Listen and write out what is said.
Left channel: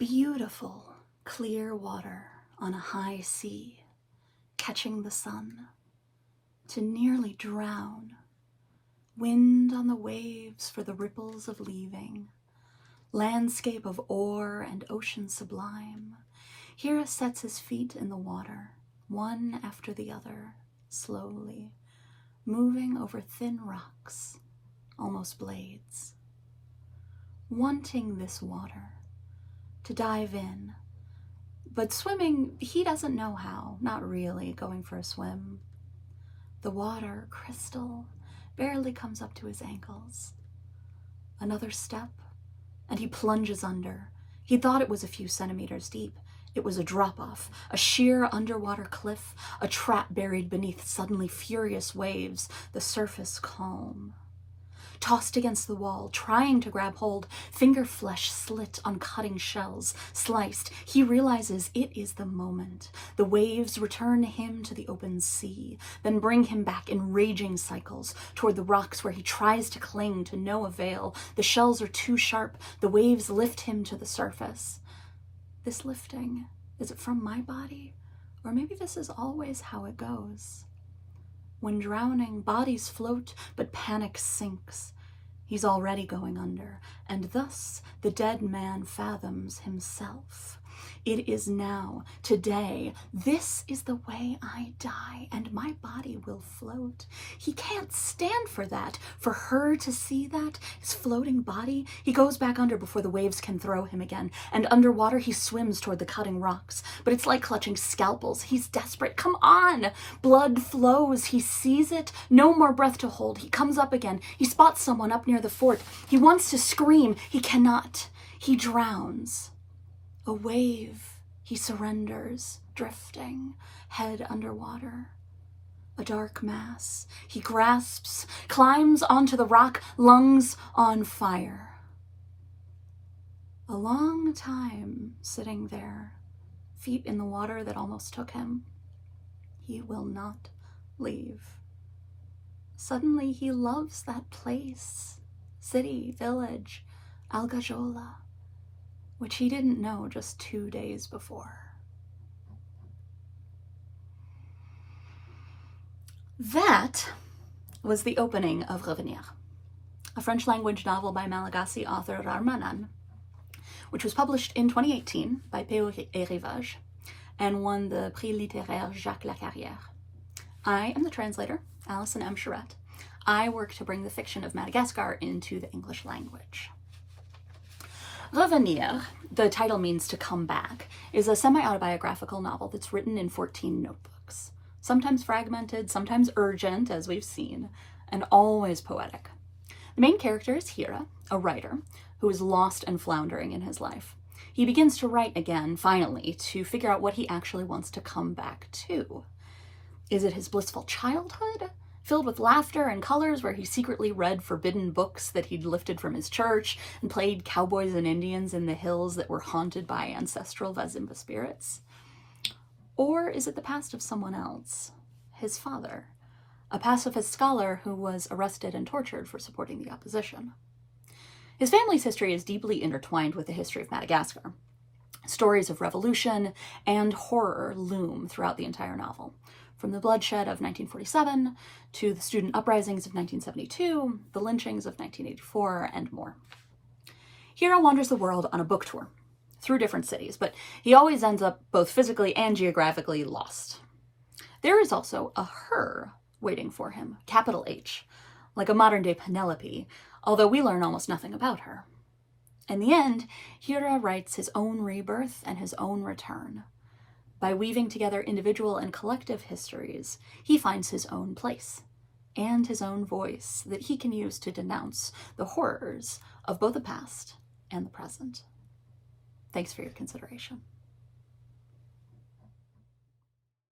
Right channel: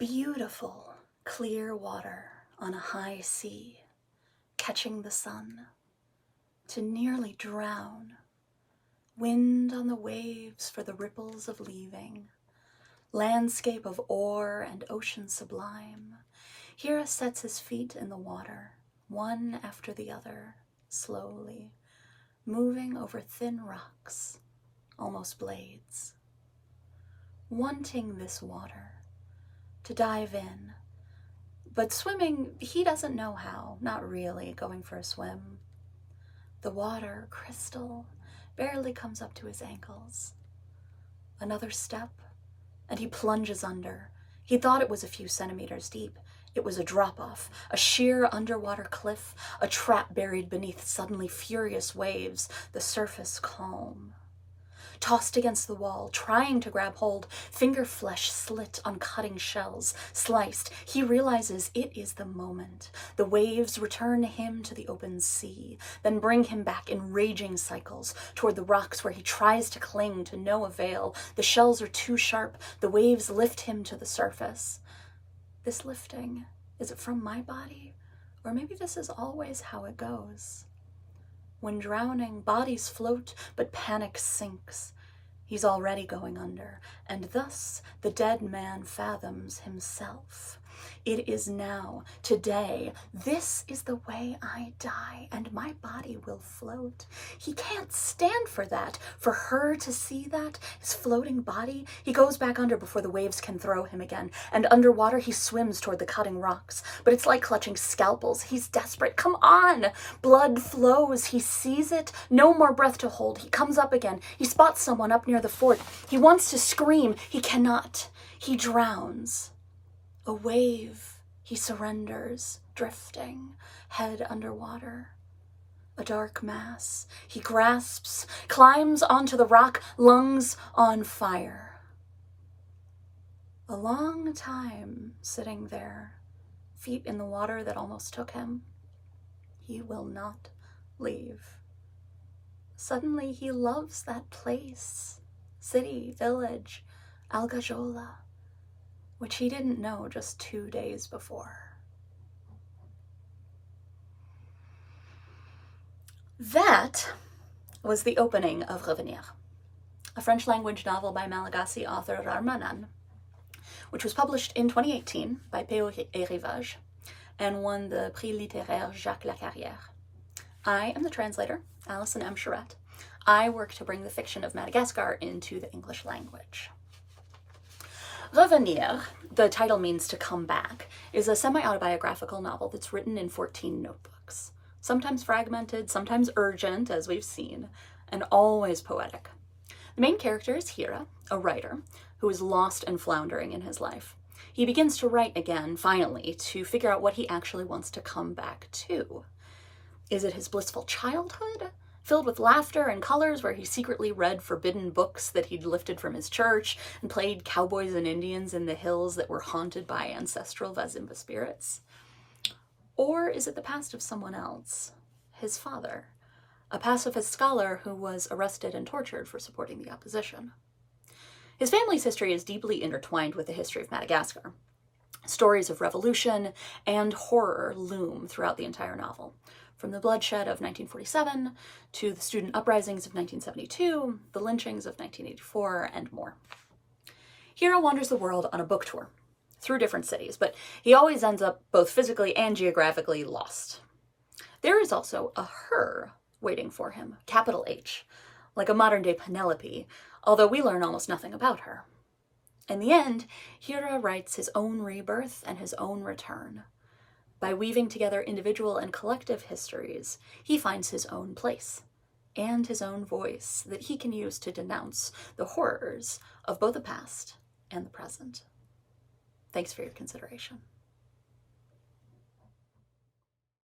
Beautiful, clear water on a high sea, catching the sun, to nearly drown, wind on the waves for the ripples of leaving, landscape of ore and ocean sublime. Hira sets his feet in the water, one after the other, slowly, moving over thin rocks, almost blades. Wanting this water, to dive in, but swimming, he doesn't know how, not really going for a swim. The water, crystal, barely comes up to his ankles. Another step, and he plunges under. He thought it was a few centimeters deep. It was a drop-off, a sheer underwater cliff, a trap buried beneath suddenly furious waves, the surface calm. Tossed against the wall, trying to grab hold, finger flesh slit on cutting shells, sliced, he realizes it is the moment. The waves return him to the open sea, then bring him back in raging cycles toward the rocks where he tries to cling to no avail. The shells are too sharp, the waves lift him to the surface. This lifting, is it from my body? Or maybe this is always how it goes. When drowning, bodies float, but panic sinks. He's already going under, and thus the dead man fathoms himself. It is now, today, this is the way I die, and my body will float. He can't stand for that, for her to see that, his floating body. He goes back under before the waves can throw him again, and underwater he swims toward the cutting rocks. But it's like clutching scalpels. He's desperate. Come on! Blood flows. He sees it. No more breath to hold. He comes up again. He spots someone up near the fort. He wants to scream. He cannot. He drowns. A wave, he surrenders, drifting, head underwater. A dark mass, he grasps, climbs onto the rock, lungs on fire. A long time sitting there, feet in the water that almost took him. He will not leave. Suddenly he loves that place, city, village, Algajola, which he didn't know just 2 days before. That was the opening of Revenir, a French language novel by Malagasy author Raharimanana, which was published in 2018 by Poetic et Rivage and won the Prix littéraire Jacques Lacarrière. I am the translator, Allison M. Charette. I work to bring the fiction of Madagascar into the English language. Revenir, the title means to come back, is a semi-autobiographical novel that's written in 14 notebooks, sometimes fragmented, sometimes urgent, as we've seen, and always poetic. The main character is Hira, a writer who is lost and floundering in his life. He begins to write again, finally, to figure out what he actually wants to come back to. Is it his blissful childhood, filled with laughter and colors, where he secretly read forbidden books that he'd lifted from his church and played cowboys and Indians in the hills that were haunted by ancestral Vazimba spirits? Or is it the past of someone else, his father, a pacifist scholar who was arrested and tortured for supporting the opposition? His family's history is deeply intertwined with the history of Madagascar. Stories of revolution and horror loom throughout the entire novel, from the bloodshed of 1947 to the student uprisings of 1972, the lynchings of 1984, and more. Hira wanders the world on a book tour through different cities, but he always ends up both physically and geographically lost. There is also a her waiting for him, capital H, like a modern-day Penelope, although we learn almost nothing about her. In the end, Hira writes his own rebirth and his own return. By weaving together individual and collective histories, he finds his own place and his own voice that he can use to denounce the horrors of both the past and the present. Thanks for your consideration.